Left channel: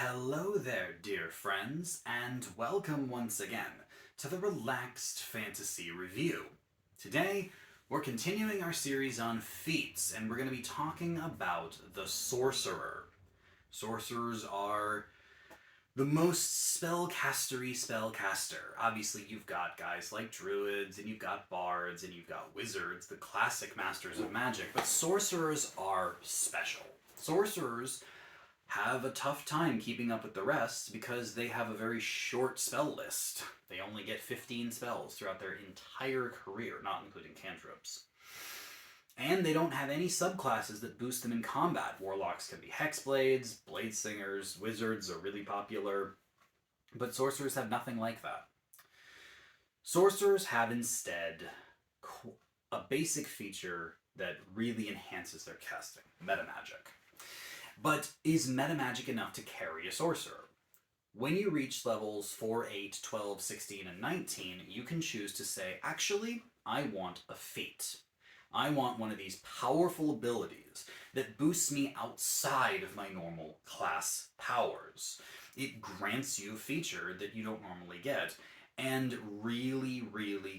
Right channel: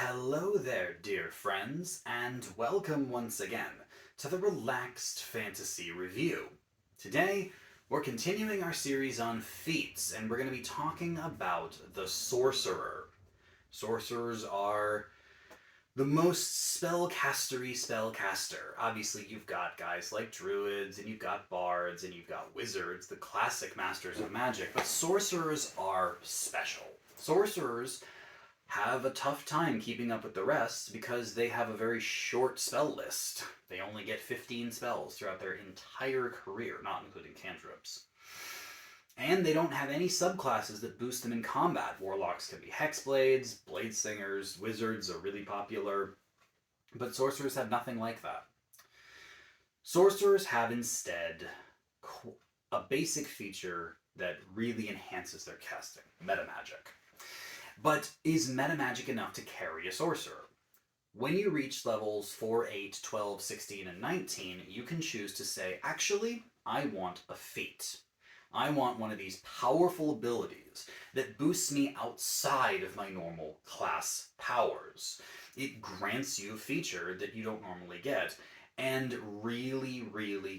Hello there, dear friends, and welcome once again to the Relaxed Fantasy Review. Today, we're continuing our series on feats, and we're going to be talking about the Sorcerer. Sorcerers are the most spellcastery spellcaster. Obviously, you've got guys like druids, and you've got bards, and you've got wizards, the classic masters of magic, but sorcerers are special. Sorcerers have a tough time keeping up with the rest because they have a very short spell list. They only get 15 spells throughout their entire career, not including cantrips. And they don't have any subclasses that boost them in combat. Warlocks can be hexblades, blade singers, wizards are really popular, but sorcerers have nothing like that. Sorcerers have instead a basic feature that really enhances their casting, metamagic. But is metamagic enough to carry a sorcerer? When you reach levels 4, 8, 12, 16, and 19, you can choose to say, actually, I want a feat. I want one of these powerful abilities that boosts me outside of my normal class powers. It grants you a feature that you don't normally get, and really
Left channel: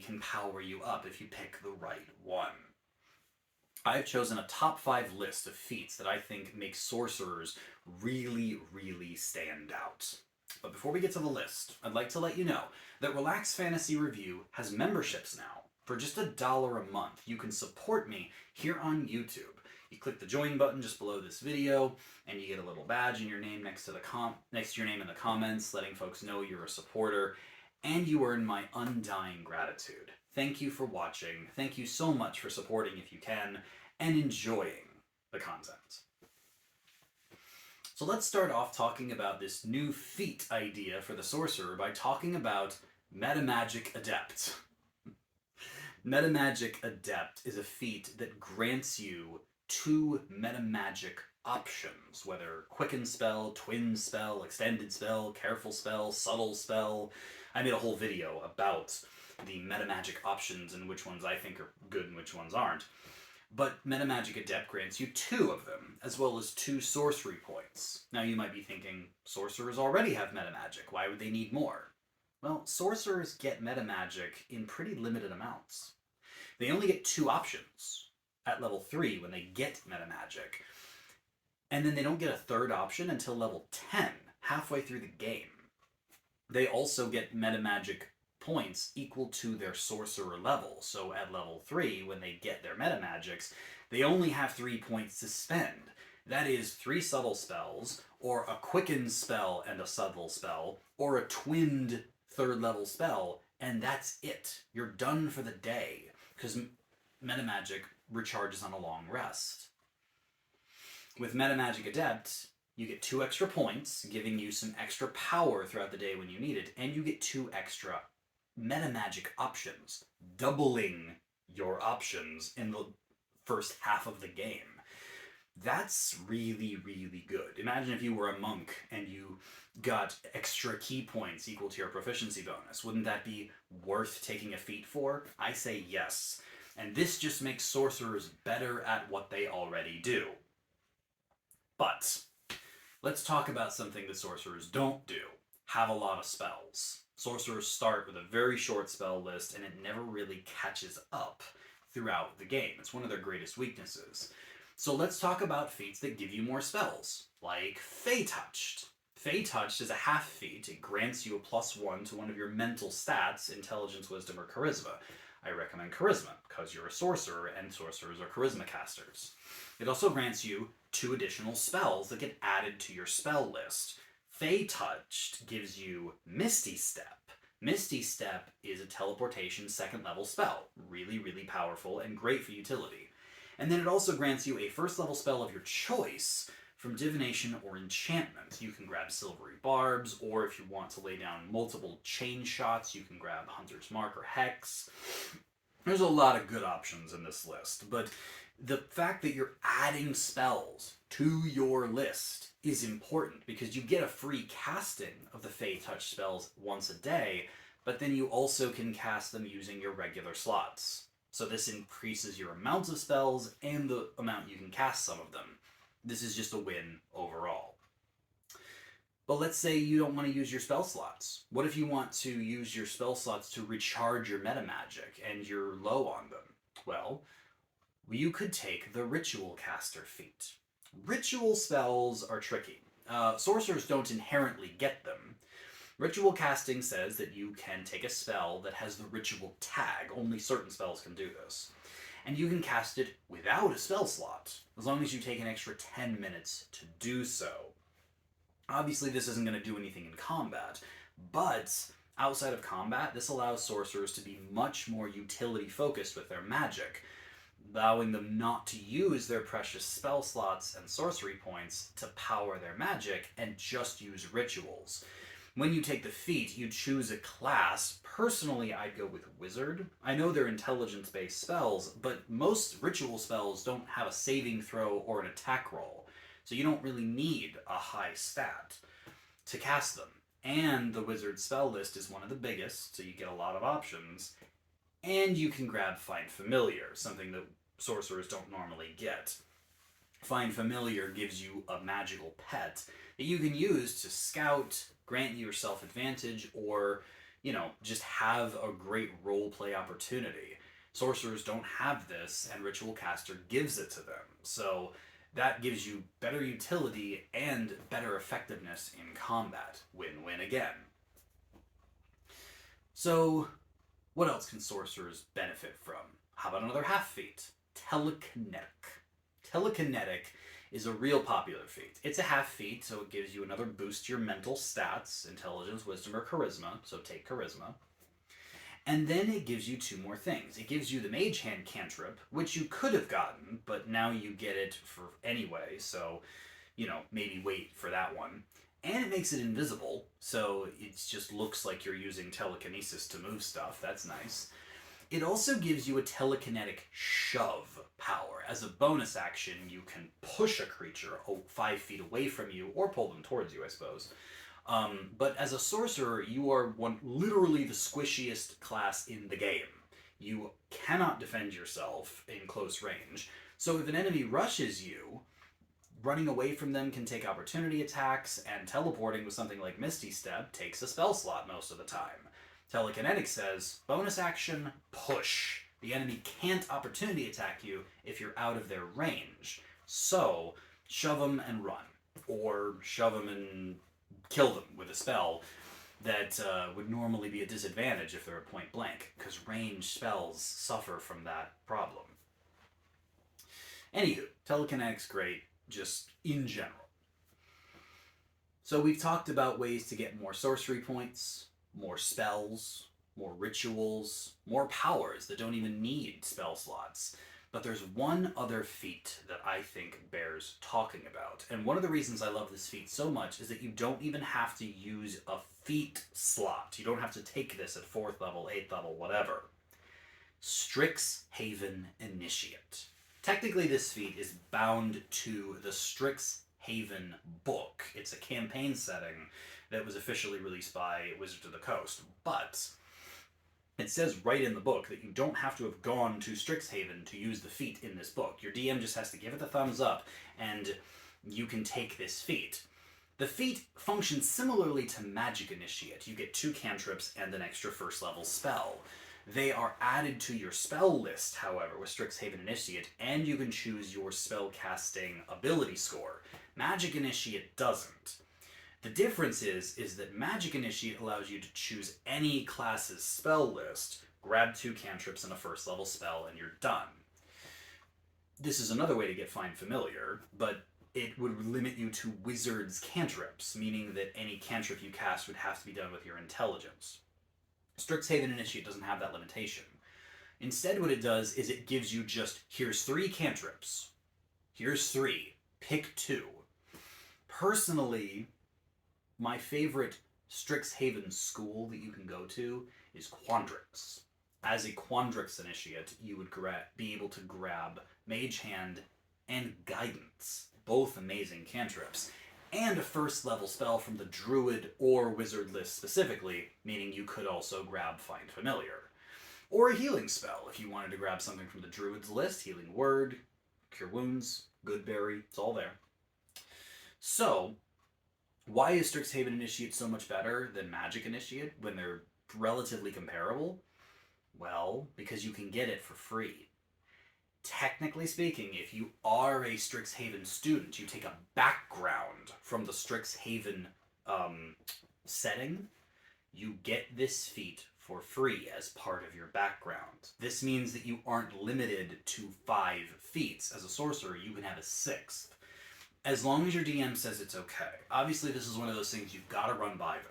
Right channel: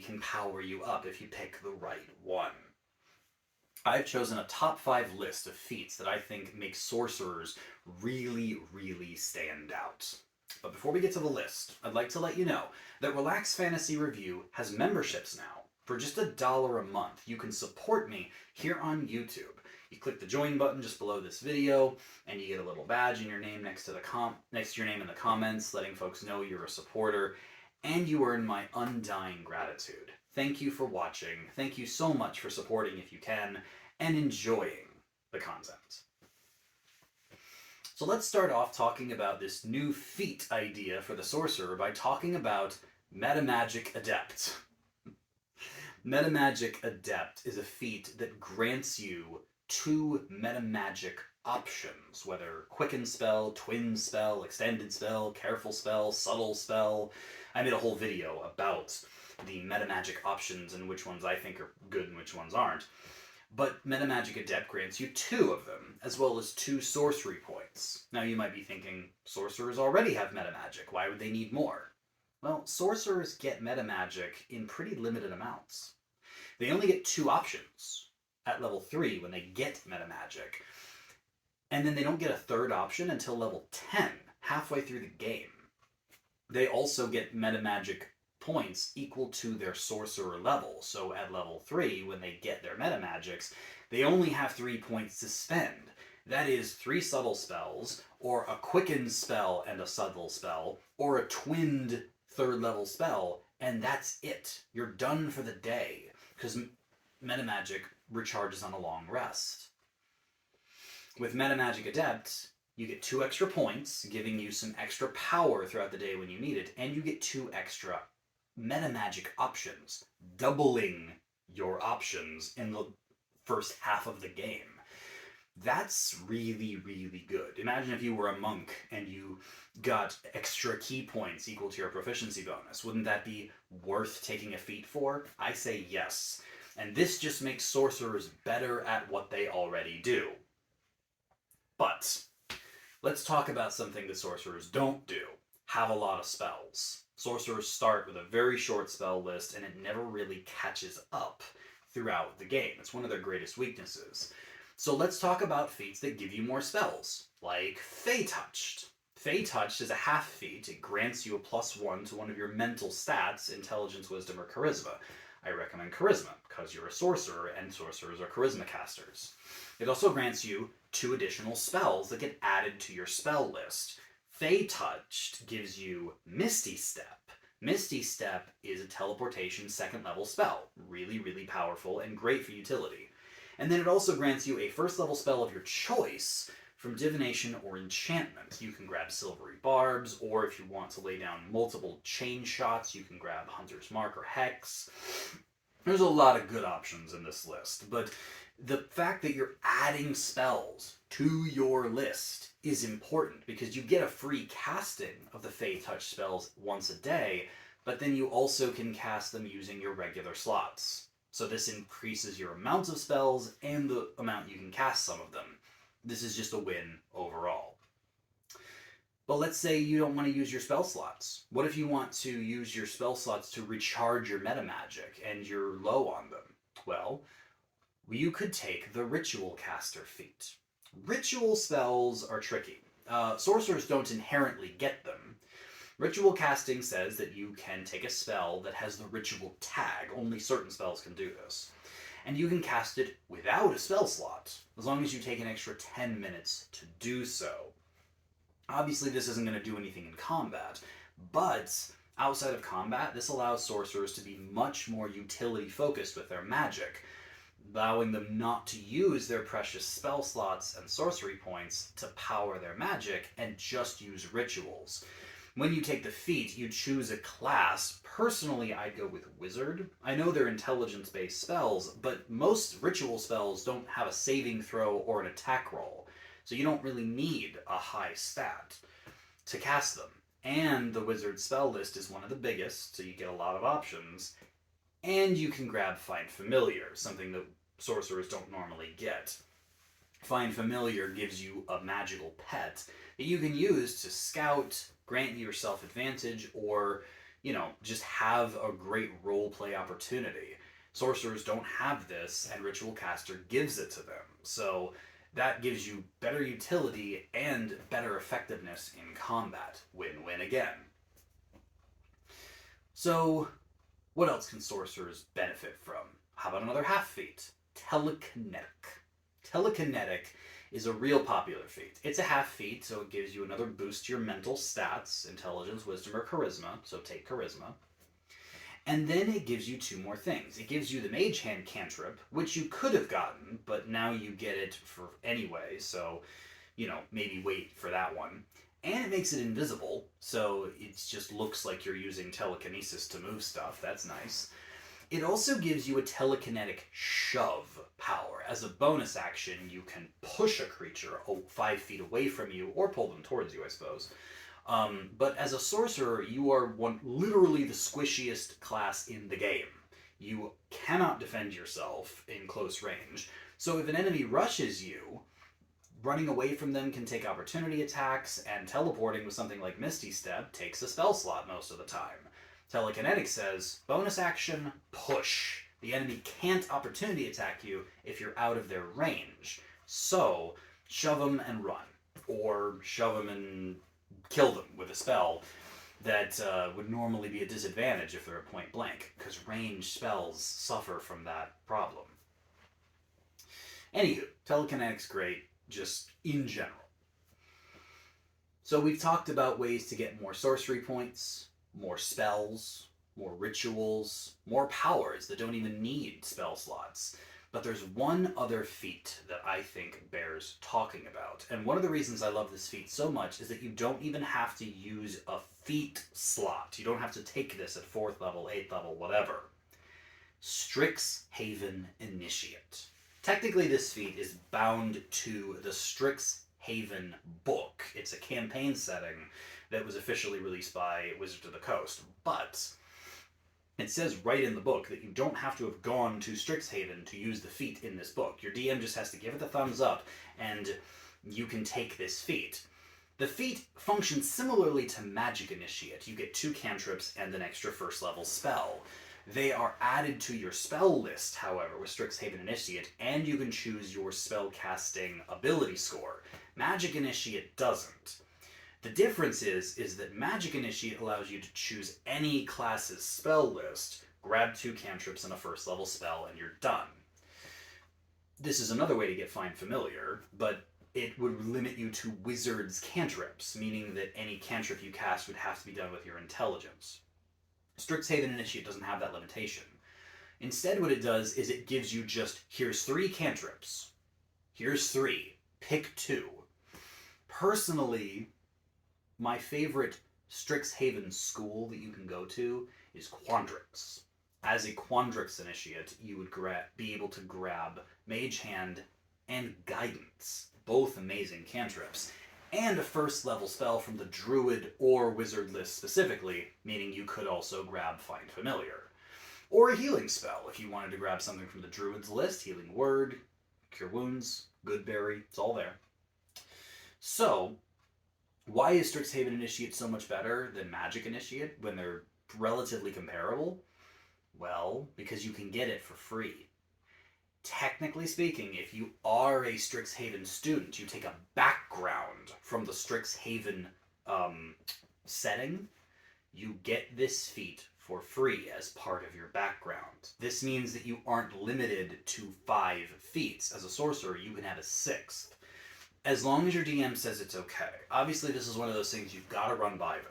can power you up if you pick the right one. I've chosen a top 5 list of feats that I think make sorcerers really stand out. But before we get to the list, I'd like to let you know that Relax Fantasy Review has memberships now. For just $1 a month, you can support me here on YouTube. You click the join button just below this video, and you get a little badge and your name next to your name in the comments, letting folks know you're a supporter, and you earn my undying gratitude. Thank you for watching. Thank you so much for supporting if you can, and enjoying the content. So let's start off talking about this new feat idea for the sorcerer by talking about Metamagic Adept. Metamagic Adept is a feat that grants you 2 metamagic options, whether quicken spell, twin spell, extended spell, careful spell, subtle spell. I made a whole video about the metamagic options and which ones I think are good and which ones aren't. But Metamagic Adept grants you 2 of them, as well as 2 sorcery points. Now you might be thinking, sorcerers already have metamagic, why would they need more? Well, sorcerers get metamagic in pretty limited amounts. They only get 2 options at level 3 when they get metamagic, and then they don't get a 3rd option until level 10, halfway through the game. They also get metamagic points equal to their sorcerer level. So at level 3, when they get their metamagics, they only have 3 points to spend. That is 3 subtle spells, or a quicken spell and a subtle spell, or a twinned 3rd level spell, and that's it. You're done for the day, because metamagic recharges on a long rest. With Metamagic Adept, you get 2 extra points, giving you some extra power throughout the day when you need it, and you get 2 extra metamagic options, doubling your options in the first half of the game. That's really good. Imagine if you were a monk and you got extra key points equal to your proficiency bonus. Wouldn't that be worth taking a feat for? I say yes. And this just makes sorcerers better at what they already do. But let's talk about something that sorcerers don't do. Have a lot of spells. Sorcerers start with a very short spell list, and it never really catches up throughout the game. It's one of their greatest weaknesses. So let's talk about feats that give you more spells, like Fey Touched. Fey Touched is a half feat. It grants you a +1 to one of your mental stats, intelligence, wisdom, or charisma. I recommend charisma, because you're a sorcerer, and sorcerers are charisma casters. It also grants you 2 additional spells that get added to your spell list. Fey Touched gives you Misty Step. Misty Step is a teleportation 2nd level spell. Really powerful and great for utility. And then it also grants you a 1st level spell of your choice from divination or enchantment. You can grab Silvery Barbs, or if you want to lay down multiple chain shots, you can grab Hunter's Mark or Hex. There's a lot of good options in this list, but the fact that you're adding spells to your list is important because you get a free casting of the Fey Touch spells once a day, but then you also can cast them using your regular slots. So this increases your amount of spells and the amount you can cast some of them. This is just a win overall. But let's say you don't want to use your spell slots. What if you want to use your spell slots to recharge your meta magic and you're low on them? Well, you could take the Ritual Caster feat. Ritual spells are tricky. Sorcerers don't inherently get them. Ritual casting says that you can take a spell that has the ritual tag. Only certain spells can do this. And you can cast it without a spell slot, as long as you take an extra 10 minutes to do so. Obviously, this isn't going to do anything in combat, but outside of combat, this allows sorcerers to be much more utility-focused with their magic, allowing them not to use their precious spell slots and sorcery points to power their magic and just use rituals. When you take the feat, you choose a class. Personally, I'd go with Wizard. I know they're intelligence-based spells, but most ritual spells don't have a saving throw or an attack roll, so you don't really need a high stat to cast them. And the Wizard spell list is one of the biggest, so you get a lot of options. And you can grab Find Familiar, something that sorcerers don't normally get. Find Familiar gives you a magical pet that you can use to scout, grant yourself advantage, or, just have a great roleplay opportunity. Sorcerers don't have this, and Ritual Caster gives it to them. So that gives you better utility and better effectiveness in combat. Win-win again. So, what else can sorcerers benefit from? How about another half feat? Telekinetic. Telekinetic is a real popular feat. It's a half feat, so it gives you another boost to your mental stats, intelligence, wisdom, or charisma, so take charisma. And then it gives you two more things. It gives you the Mage Hand cantrip, which you could have gotten, but now you get it for anyway, so, maybe wait for that one. And it makes it invisible, so it just looks like you're using telekinesis to move stuff. That's nice. It also gives you a telekinetic shove power. As a bonus action, you can push a creature 5 feet away from you, or pull them towards you, I suppose. But as a sorcerer, you are literally the squishiest class in the game. You cannot defend yourself in close range. So if an enemy rushes you, running away from them can take opportunity attacks, and teleporting with something like Misty Step takes a spell slot most of the time. Telekinetic says, bonus action, push. The enemy can't opportunity attack you if you're out of their range. So, shove them and run. Or shove them and kill them with a spell that would normally be a disadvantage if they're at point blank, because ranged spells suffer from that problem. Anywho, telekinetic's great, just in general. So we've talked about ways to get more sorcery points, more spells, more rituals, more powers that don't even need spell slots. But there's one other feat that I think bears talking about. And one of the reasons I love this feat so much is that you don't even have to use a feat slot. You don't have to take this at 4th level, 8th level, whatever. Strixhaven Initiate. Technically, this feat is bound to the Strixhaven book. It's a campaign setting that was officially released by Wizards of the Coast. But it says right in the book that you don't have to have gone to Strixhaven to use the feat in this book. Your DM just has to give it the thumbs up, and you can take this feat. The feat functions similarly to Magic Initiate. You get 2 cantrips and an extra 1st level spell. They are added to your spell list, however, with Strixhaven Initiate, and you can choose your spell casting ability score. Magic Initiate doesn't. The difference is that Magic Initiate allows you to choose any class's spell list, grab 2 cantrips and a 1st level spell, and you're done. This is another way to get Find Familiar, but it would limit you to Wizard's cantrips, meaning that any cantrip you cast would have to be done with your intelligence. Strixhaven Initiate doesn't have that limitation. Instead, what it does is it gives you just, here's 3 cantrips. Here's 3. Pick 2. Personally, my favorite Strixhaven school that you can go to is Quandrix. As a Quandrix Initiate, you would be able to grab Mage Hand and Guidance, both amazing cantrips, and a 1st level spell from the Druid or Wizard list specifically, meaning you could also grab Find Familiar. Or a healing spell, if you wanted to grab something from the Druid's list, Healing Word, Cure Wounds, Goodberry, it's all there. So, Why is Strixhaven Initiate so much better than Magic Initiate when they're relatively comparable? Well, because you can get it for free. Technically speaking, if you are a Strixhaven student, you take a background from the Strixhaven setting, you get this feat for free as part of your background. This means that you aren't limited to 5 feats. As a sorcerer, you can have a 6th. As long as your DM says it's okay. Obviously, this is one of those things you've got to run by them.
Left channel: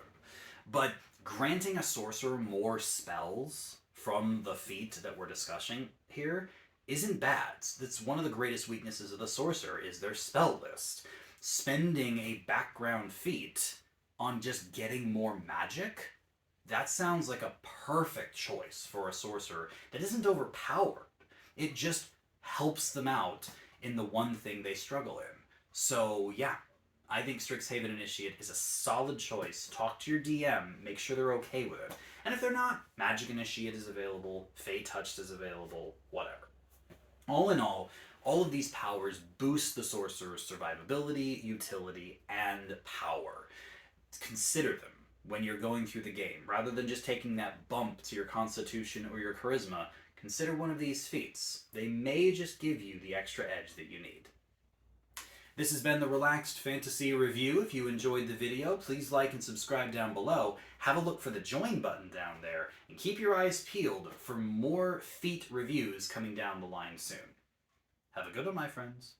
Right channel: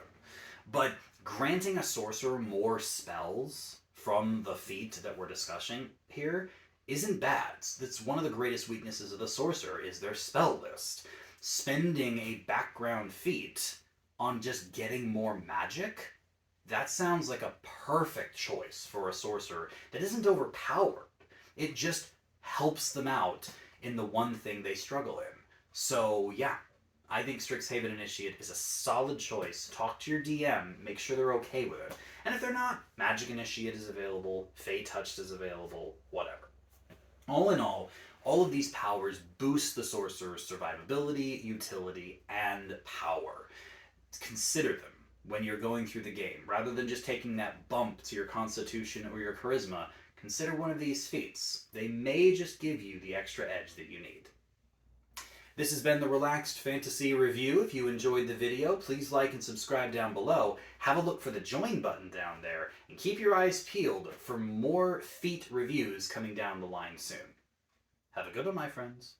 But granting a sorcerer more spells from the feat that we're discussing here isn't bad. That's one of the greatest weaknesses of the sorcerer is their spell list. Spending a background feat on just getting more magic, that sounds like a perfect choice for a sorcerer that isn't overpowered. It just helps them out in the one thing they struggle in. So yeah, I think Strixhaven Initiate is a solid choice. Talk to your DM, make sure they're okay with it. And if they're not, Magic Initiate is available, Fey Touched is available, whatever. All in all of these powers boost the sorcerer's survivability, utility, and power. Consider them when you're going through the game. Rather than just taking that bump to your constitution or your charisma, consider one of these feats. They may just give you the extra edge that you need. This has been the Relaxed Fantasy Review. If you enjoyed the video, please like and subscribe down below. Have a look for the join button down there, and keep your eyes peeled for more feat reviews coming down the line soon. Have a good one, my friends.